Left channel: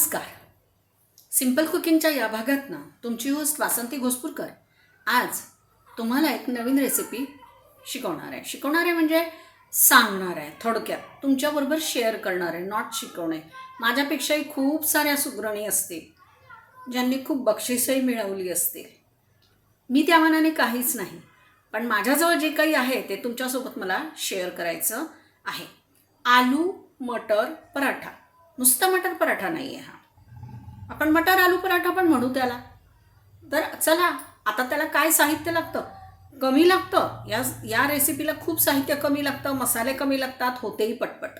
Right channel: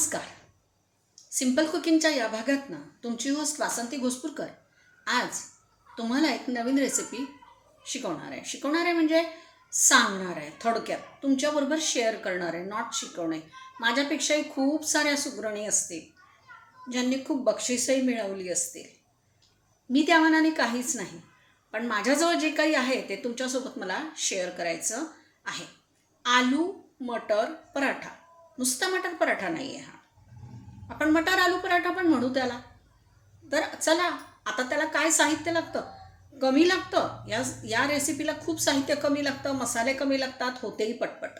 नमस्कार. सिंपल कुकिंगच्या या भागातनं तुमची होस्ट वासंती घोसपूरकर आज तुम्हाला एक नवीन रेसिपी शिकवणार आहे. शिकवणार आहे म्हणजे सांगणार आहे थोडक्यात. तुमच्याबरोबर शेअर करणार आहे नॉट शिकवणे. माझ्यापेक्षाही खूप साऱ्या सुगरणी असतील ज्यांनी खूप बक्षीसही मिळवली असतील. मी त्या मनाने काहीच नाही पण माझ्याजवळ जे काही आहे ते तुमच्यासोबत मला शेअर करायचं आहे. आलू मटर पराठा. नुसता मटर पराठा नाही आहे हा. आपण मटर आलू पराठा पण म्हणू त्याला. तर चला आता त्याला काय साहित्य लागतं? कमी लागतं. या या रेसिपीला खूप साहित्य कमी लागतं मसाले कमी लागतात होतेही पटपट.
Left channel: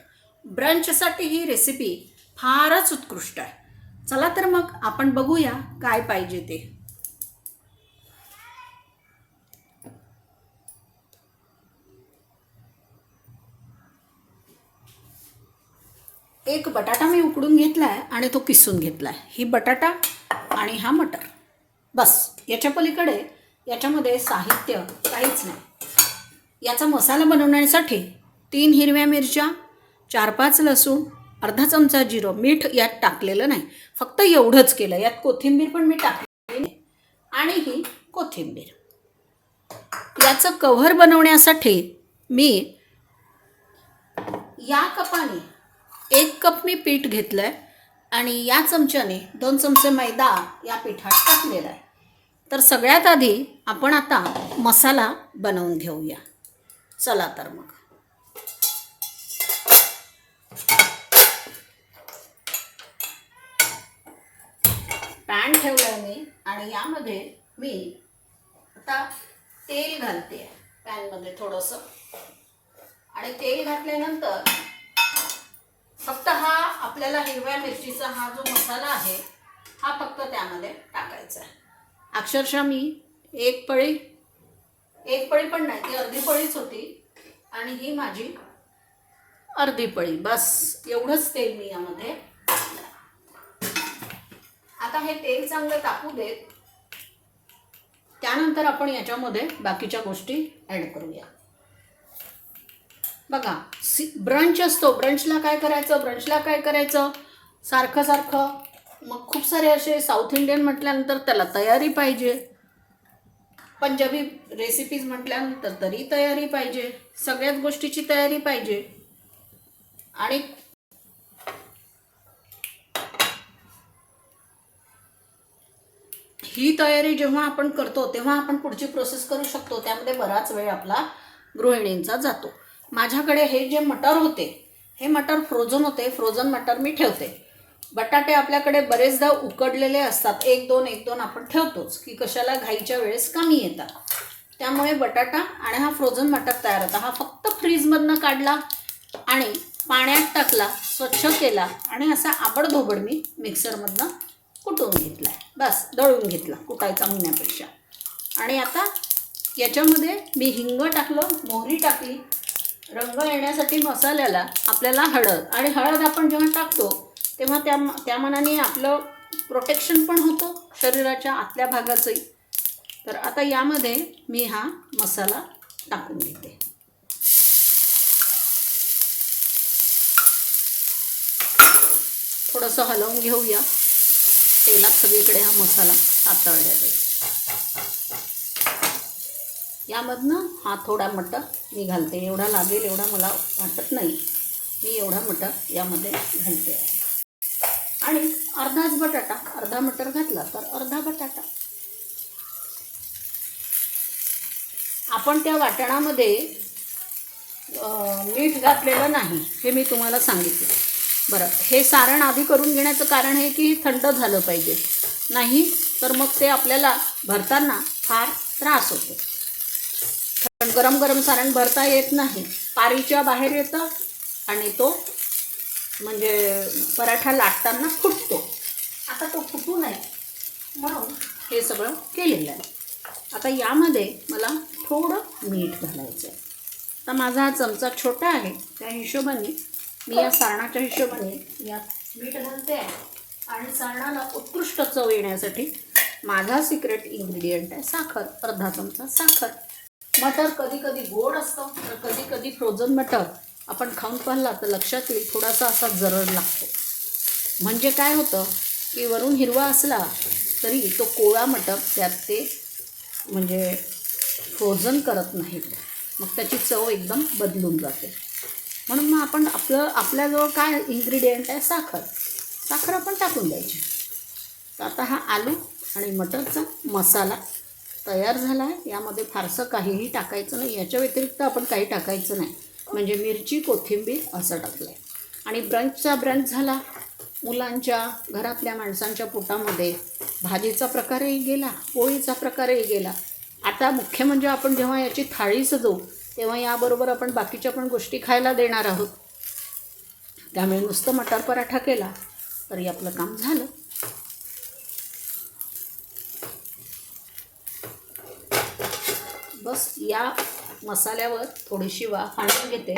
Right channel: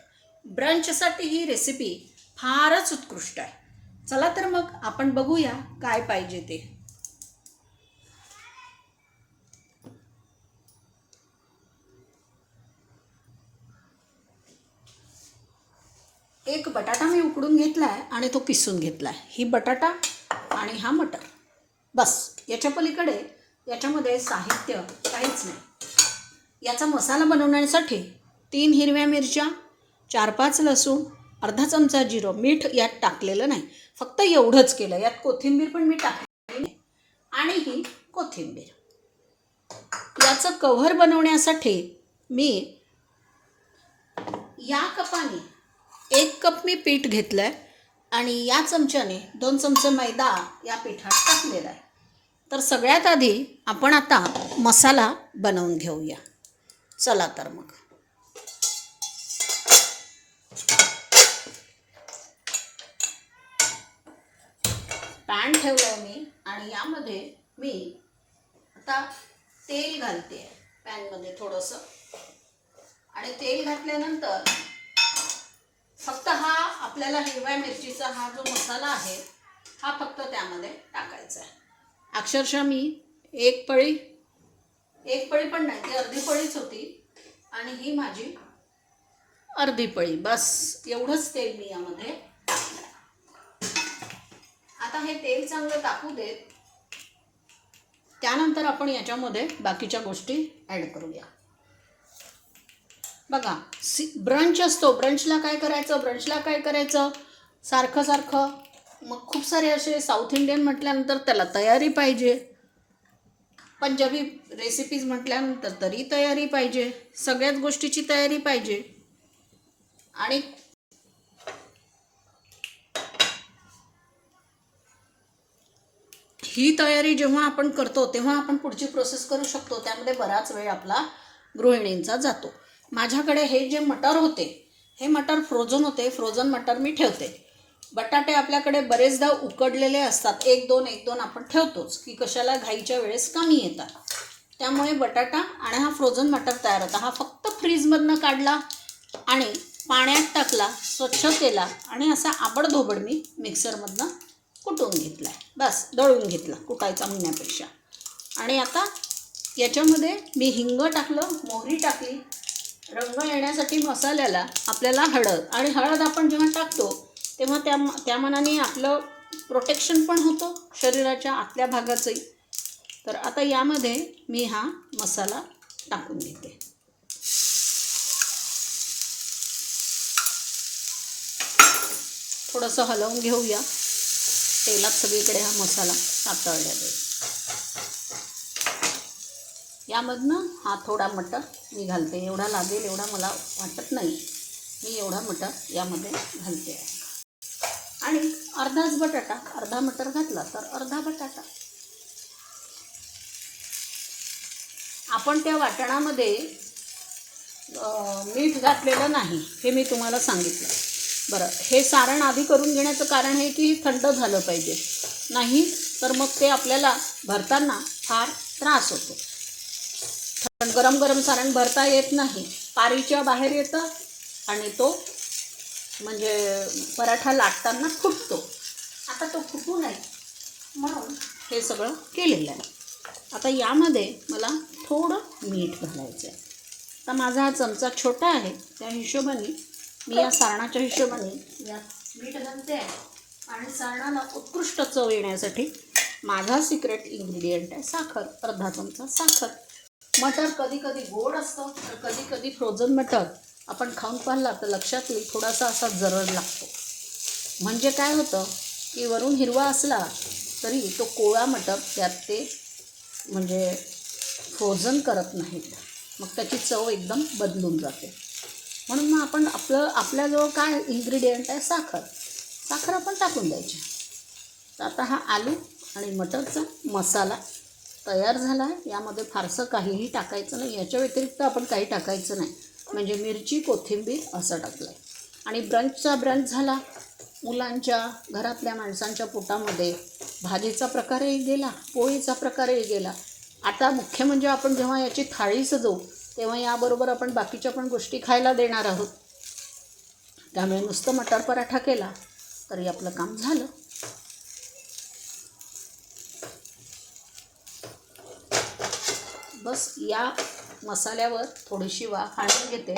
ब्रंचसाठी ही रेसिपी फारच उत्कृष्ट आहे. चला तर मग आपण बघूया काय पाहिजे ते. एक बटाटा मी उकडून घेतला आहे आणि तो किसून घेतला आहे ही बटाटा आणि हा मटर. बस. याच्या पलीकडे याच्यामध्ये साहित्य काहीच नाही. याचा मसाला बनवण्यासाठी तीन हिरव्या मिरच्या चार पाच लसूण अर्धा चमचा जिरं मीठ यात टाकलेलं नाही. फक्त एवढंच केलं. यात कोथिंबीर पण मी टाकलेली आणि ही कोथिंबीर. याचं कव्हर बनवण्यासाठी मी या कपाने एक कप मी पीठ घेतलं आहे आणि या चमच्याने दोन चमचे मैदा या पिठात टाकलेला आहे. तर सगळ्यात आधी आपण आता मसाला बनवून घेऊया. चला तर मग. पॅन ठेवलं आहे मी आणि यामध्ये मी आता तेल घालते पॅनमध्ये थोडंसं. आणि तेल घातल्यानंतर फक्त हा आपल्याला हिरव्या मिरचीचा हा जो मसाला आहे हा फक्त त्यामध्ये टाकायचा आहे. अक्षरशः मी एक पळी एक पळी पण नाही ती अर्धी पळीच होती आणि ही माझी अर्धी पळी बस. एवढंच तेल मी यामध्ये आता हे तेल चांगलं टाकू देत. त्यानंतर आपण याच्यामध्ये बाकीच्या गोष्टी ॲड करूया. बघा सी ब्रंच असतो. ब्रंचला काय करायचं? ब्रंचला काय करायचं? सारखं सारखं. मग खूप सारे असे साऊथ इंडियन म्हटल्यानंतर त्याला तयारी पाहिजे. पंजाबी रेसिपीज म्हटल्यानंतर तरी तयारी पाहिजे. सगळ्याच गोष्टीची तयारी पाहिजे. आणि ही तयारी जेव्हा आपण करतो तेव्हा आपण पुढची प्रोसेस करू शकतो. त्यामध्ये बराच वेळ आपला गृहिणींचा जातो. माझ्याकडे हे जे मटर होते हे मटर फ्रोझन होते फ्रोझन मटर मी ठेवते. बटाटे आपल्याकडे बरेचदा उकडलेले असतात. एक दोन एक दोन आपण ठेवतोच की कशाला घाईच्या वेळेस कमी येतात. त्यामुळे बटाटा आणि हा फ्रोझन मटर तयार होता. हा फक्त फ्रीजमधनं काढला आणि पाण्यात टाकला स्वच्छ केला आणि असा आबडधोबड मी मिक्सरमधनं कुटून घेतला बस दळून घेतला कुटायचा म्हणण्यापेक्षा आणि आता याच्यामध्ये मी हिंग टाकलं मोहरी टाकली रंग येण्यासाठी मसाल्याला आपल्याला हळद आणि हळद आपण जेव्हा टाकतो तेव्हा त्या त्या मनाने आपलं प्रोटेक्शन पण होतं शरीराच्या आतल्या भागाचंही. तर आता यामध्ये मी हा मसाला टाकून देते. थोडंसं हलवून घेऊया. तेलात सगळीकडे हा मसाला सातळल्या जाईल यामधनं हा थोडा मटर मी घालते. एवढा लागेल एवढा मला वाटत नाही. मी एवढा मटर यामध्ये घालते. आहे आणि अर्धाच बटाटा अर्धा मटर घातला तर अर्धा बटाटा. आपण त्या वाटणामध्ये मीठ घातलेलं नाही हे मी तुम्हाला सांगितलं. बरं हे सारण आधी करून घेण्याचं कारण हे की थंड झालं पाहिजे. नाही तर मग ते आपल्याला भरताना फार त्रास होतो. कारण गरम गरम सारण भरता येत नाही. पारीच्या बाहेर येतं आणि तो म्हणजे पराठा लाटताना फुटतो. आता तो फुटू नये म्हणून हे सगळं केलेलं आहे. आता यामध्ये मला थोडं मीठ घालायचं आहे. आता माझा हा चमचा छोटा आहे. त्या हिशोबाने मी या सारणाच्या हिशोबाने यात मीठ घालते आहे. आणि सारणाला उत्कृष्ट चव येण्यासाठी माझा सिक्रेट इन्ग्रेडियंट आहे साखर. अर्धा चमचा साखर. मटर कधी कधी गोड असतं तर कधी कधी फ्रोझन मटर आपण खाऊन पाहिला तर लक्षात येईल थोडासा असा जरड लागतो. म्हणजे काय होतं की वरून हिरवा असला तरी तो कोळा मटर त्यात ते म्हणजे फ्रोझन करत नाहीत. मग त्याची चव एकदम बदलून जाते. म्हणून मग आपण आपलं आपल्याजवळ काय इन्ग्रेडियंट आहे? साखर. साखर आपण टाकून द्यायची. तर आता हा आलू आणि मटरचा मसाला तयार झाला आहे. यामध्ये फारसं काहीही टाकायचं नाही. याच्या व्यतिरिक्त आपण काही टाकायचं नाही. म्हणजे मिरची कोथिंबीर असं टाकलं आहे आणि ब्रंचचा ब्रंच झाला. मुलांच्या घरातल्या माणसांच्या पोटामध्ये भाजीचा प्रकारही गेला पोळीचा प्रकारही गेला. आता मुख्य म्हणजे आपण जेव्हा याची थाळी सजवू तेव्हा याबरोबर आपण बाकीच्या पण गोष्टी खायला देणार आहोत. त्यामुळे नुसतं मटार पराठा केला तरी आपलं काम झालं. बस या मसाल्यावर थोडीशी वाफ आणून घेते.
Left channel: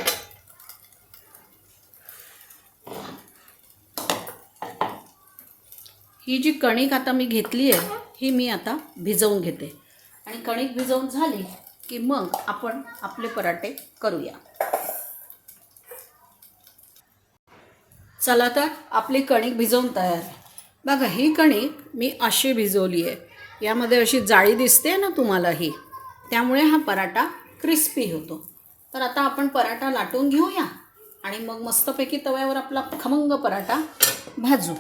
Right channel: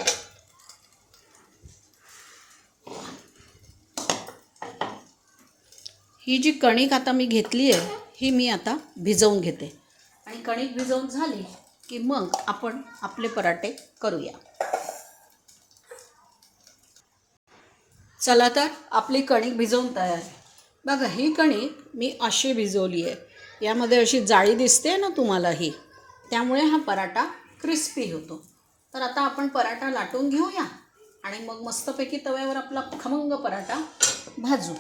ही जी कणिक आता मी घेतली आहे ही मी आता भिजवून घेते. आणि कणिक भिजवून झाली की मग आपण आपले पराठे करूया. चला तर आपली कणिक भिजवून तयार. बघा ही कणिक मी अशी भिजवली आहे. यामध्ये अशी जाळी दिसते ना तुम्हाला ही? त्यामुळे हा पराठा क्रिस्पी होतो. तर आता आपण पराठा लाटून घेऊया आणि मग मस्तपैकी तव्यावर आपला खमंग पराठा भाजू.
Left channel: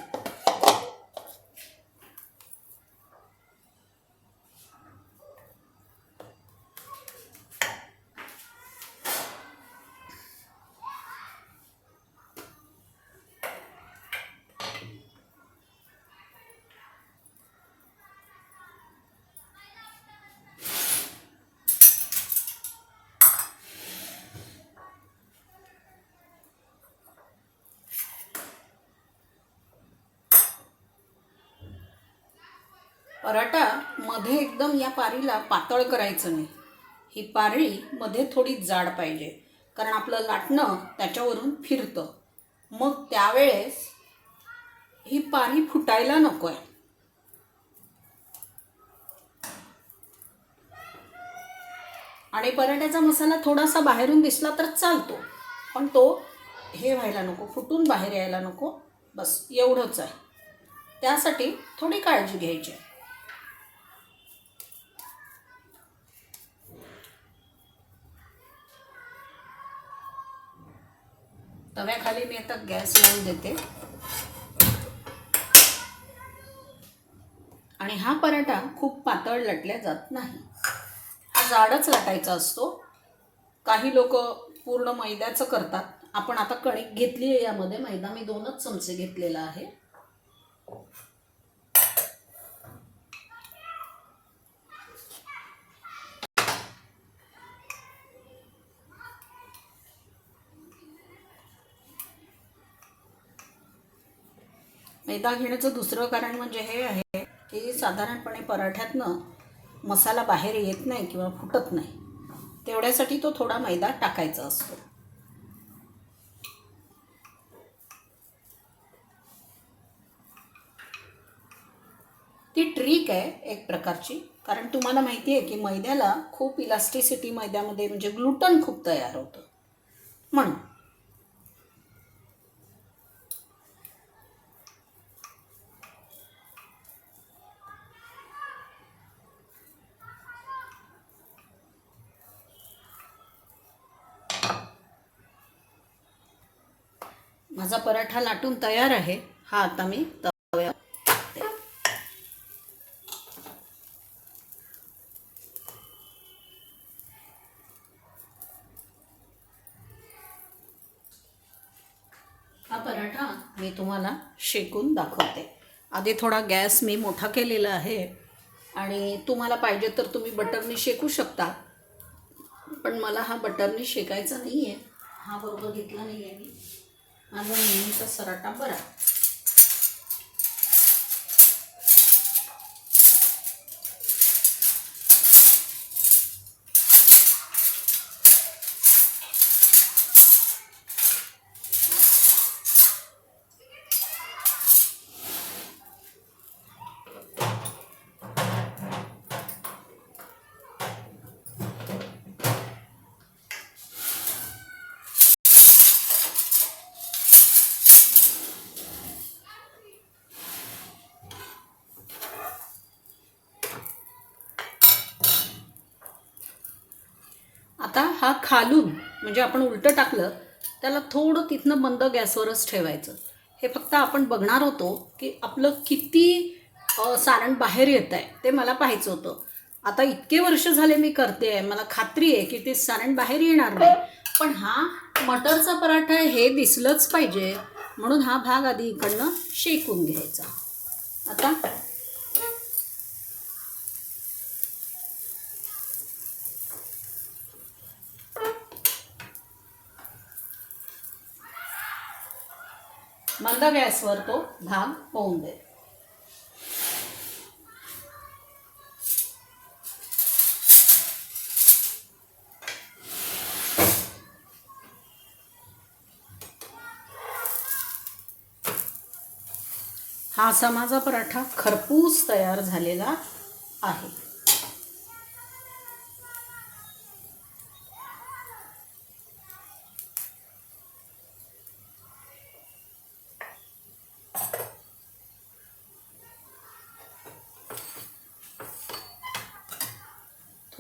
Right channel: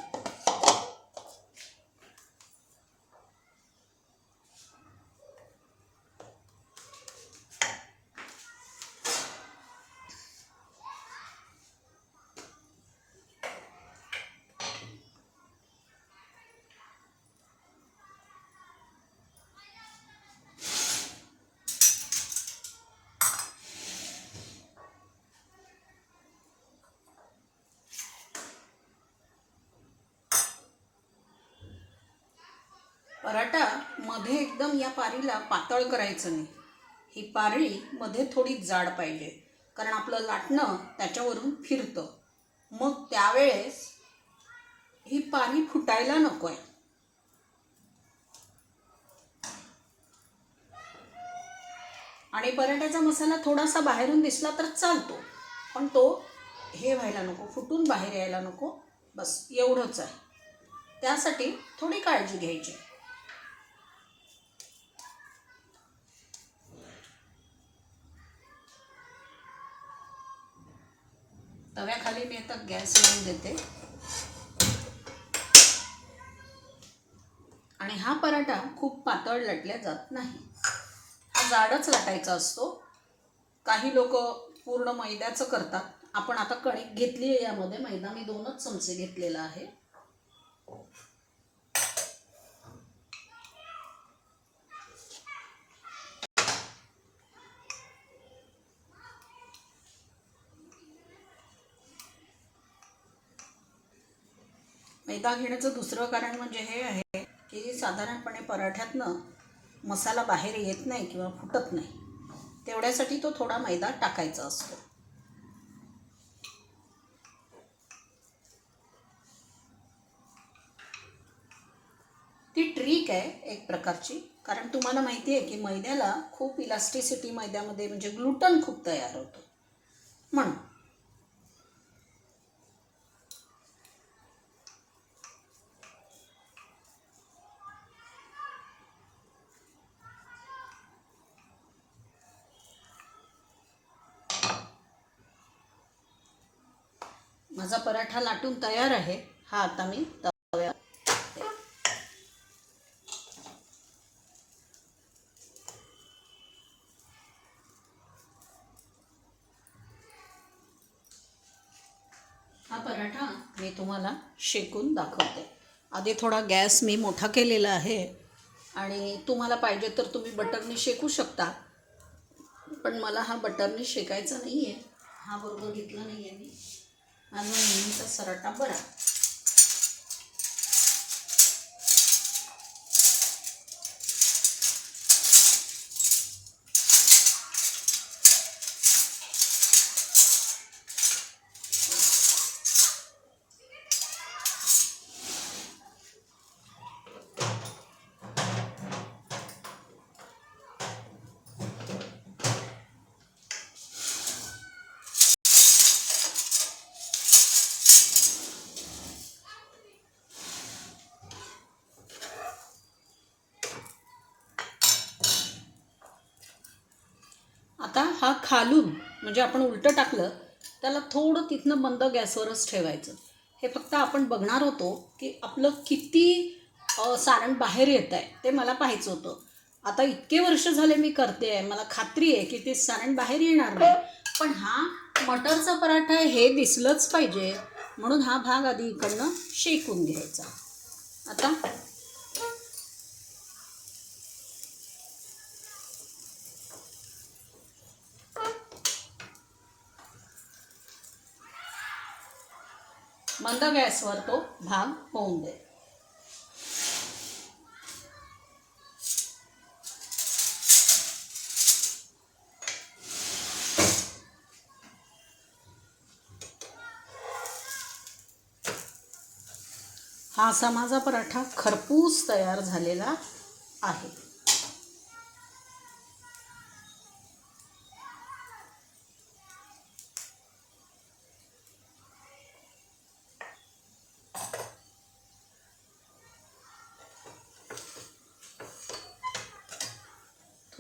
पराठा मध्ये एकदम या पारीला पातळ करायचं नाही. ही पारी मध्ये थोडी जाड पाहिजे कारण आपलं लाटणं त्याच्यावरून फिरतं. मग त्यावेळेस ही पारी फुटायला नको आहे आणि पराठ्याचा मसाला थोडासा बाहेरून दिसला तर चालतो पण तो हे व्हायला नको फुटून बाहेर यायला नको. बस एवढंच आहे. त्यासाठी थोडी काळजी घ्यायची. तव्याखाली मी आता गॅस लावून देते. आणि हा पराठा खूप पातळ लटल्या जात नाही. हा जाडच लाटायचा असतो. काही लोक पूर्ण मैद्याचं करतात. आपण आता कणिक घेतली आहे यामध्ये. मैदा मी दोनच चमचे घेतलेला आहे. मैदा घेण्याचं दुसरं कारण म्हणजे हे आहे की साधारणपणे पराठ्यातनं मसाला बाहेर येत नाही किंवा फुटत नाही. तेवढ्यासाठी तो थोडा मैदा टाकायचा असतो. ती ट्रिक आहे एक प्रकारची. कारण तुम्हाला माहिती आहे की मैद्याला खूप इलास्टिसिटी मैद्यामध्ये म्हणजे ग्लुटन खूप तयार होतं. म्हणून माझा पराठा लाटून तयार आहे. हा आता मी तव्यावर हा पराठा मी तुम्हाला शेकून दाखवते. आधी थोडा गॅस मी मोठा केलेला आहे आणि तुम्हाला पाहिजे तर तुम्ही बटरनी शेकू शकता. पण मला हा बटरनी शेकायचा नाही आहे हा बरोबर घेतला नाही आहे मी. माझा नेहमीचा सराटा बरा. आता हा खालून म्हणजे आपण उलटं टाकलं त्याला थोडं तिथनं बंद गॅसवरच ठेवायचं. हे फक्त आपण बघणार होतो की आपलं किती सारण बाहेर येत आहे ते मला पाहायचं होतं. आता इतके वर्ष झाले मी करते आहे मला खात्री आहे की ते सारण बाहेर येणार नाही. पण हा मटरचा पराठा हे दिसलंच पाहिजे. म्हणून हा भाग आधी इकडनं शेकून घ्यायचा. आता मंद गॅसवर तो भाग होऊन दे हा असा माझा पराठा खरपूस तयार झालेला आहे.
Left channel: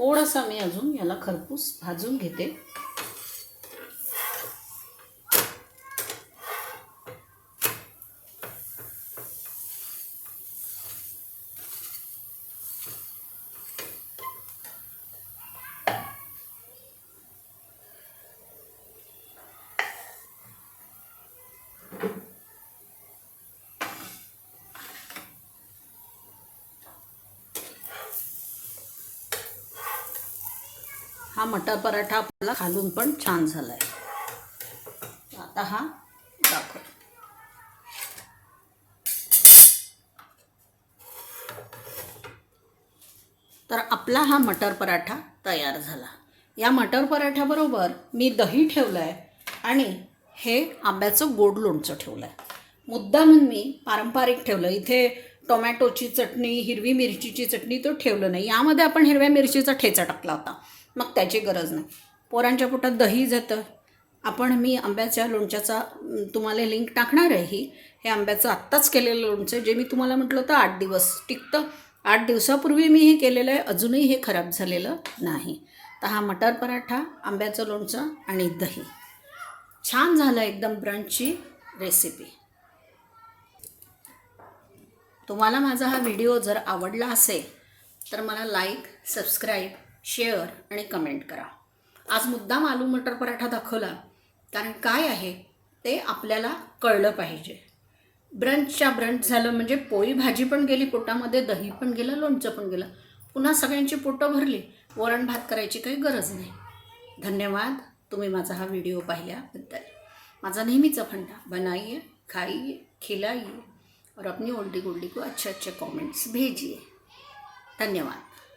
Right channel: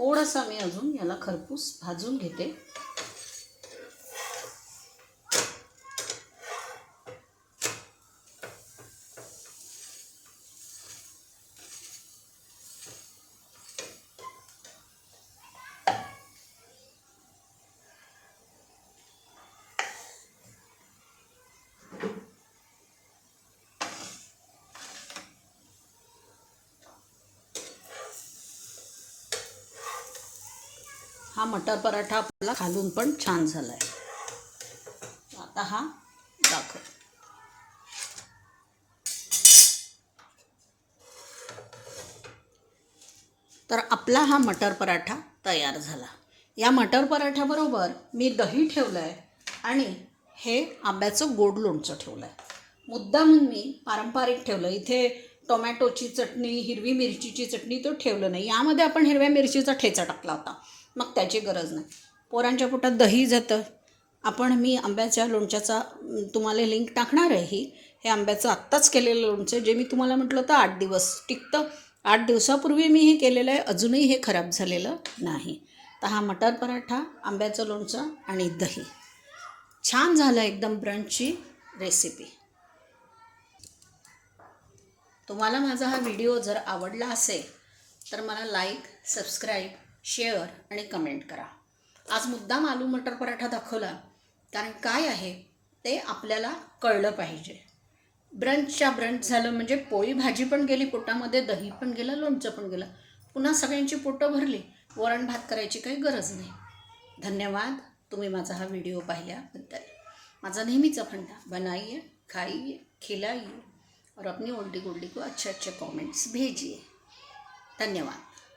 थोडासा मी अजून याला खरपूस भाजून घेते. हा मटर पराठा आपला खालून पण छान झाला आहे आता हा दाखव. तर आपला हा मटर पराठा तयार झाला. या मटर पराठ्याबरोबर मी दही ठेवलं आहे आणि हे आंब्याचं गोड लोणचं ठेवलं आहे मुद्दा म्हणून मी पारंपरिक ठेवलं. इथे टोमॅटोची चटणी हिरवी मिरचीची चटणी तो ठेवलं नाही. यामध्ये आपण हिरव्या मिरचीचा ठेचा टाकला होता. मग त्याची गरज नाही. पोरांच्या पोटात दही जातं. आपण मी आंब्याच्या लोणच्याचा तुम्हाला लिंक टाकणार आहे ही. हे आंब्याचं आत्ताच केलेलं लोणचं जे मी तुम्हाला म्हटलं होतं आठ दिवस टिकतं. आठ दिवसापूर्वी मी हे केलेलं आहे अजूनही हे खराब झालेलं नाही. तर हा मटर पराठा आंब्याचं लोणचं आणि दही. छान झालं एकदम ब्रंचची रेसिपी तुम्हाला माझा हा व्हिडिओ जर आवडला असेल तर मला लाईक सबस्क्राईब शेअर आणि कमेंट करा. आज मुद्दाम आलू मटर पराठा दाखवला. कारण काय आहे ते आपल्याला कळलं पाहिजे. ब्रंचच्या ब्रंच झालं म्हणजे पोळी भाजी पण गेली पोटामध्ये दही पण गेलं लोणचं पण गेलं. पुन्हा सगळ्यांची पोटं भरली. वरण भात करायची काही गरज नाही. धन्यवाद. तुम्ही माझा हा व्हिडिओ पाहिल्याबद्दल. माझा नेहमीचा फंडा बनाइए खाइए खिलाइए. और अपनी ओल्डी गोल्डी को अच्छे अच्छे कमेंट्स भेजिए. धन्यवाद.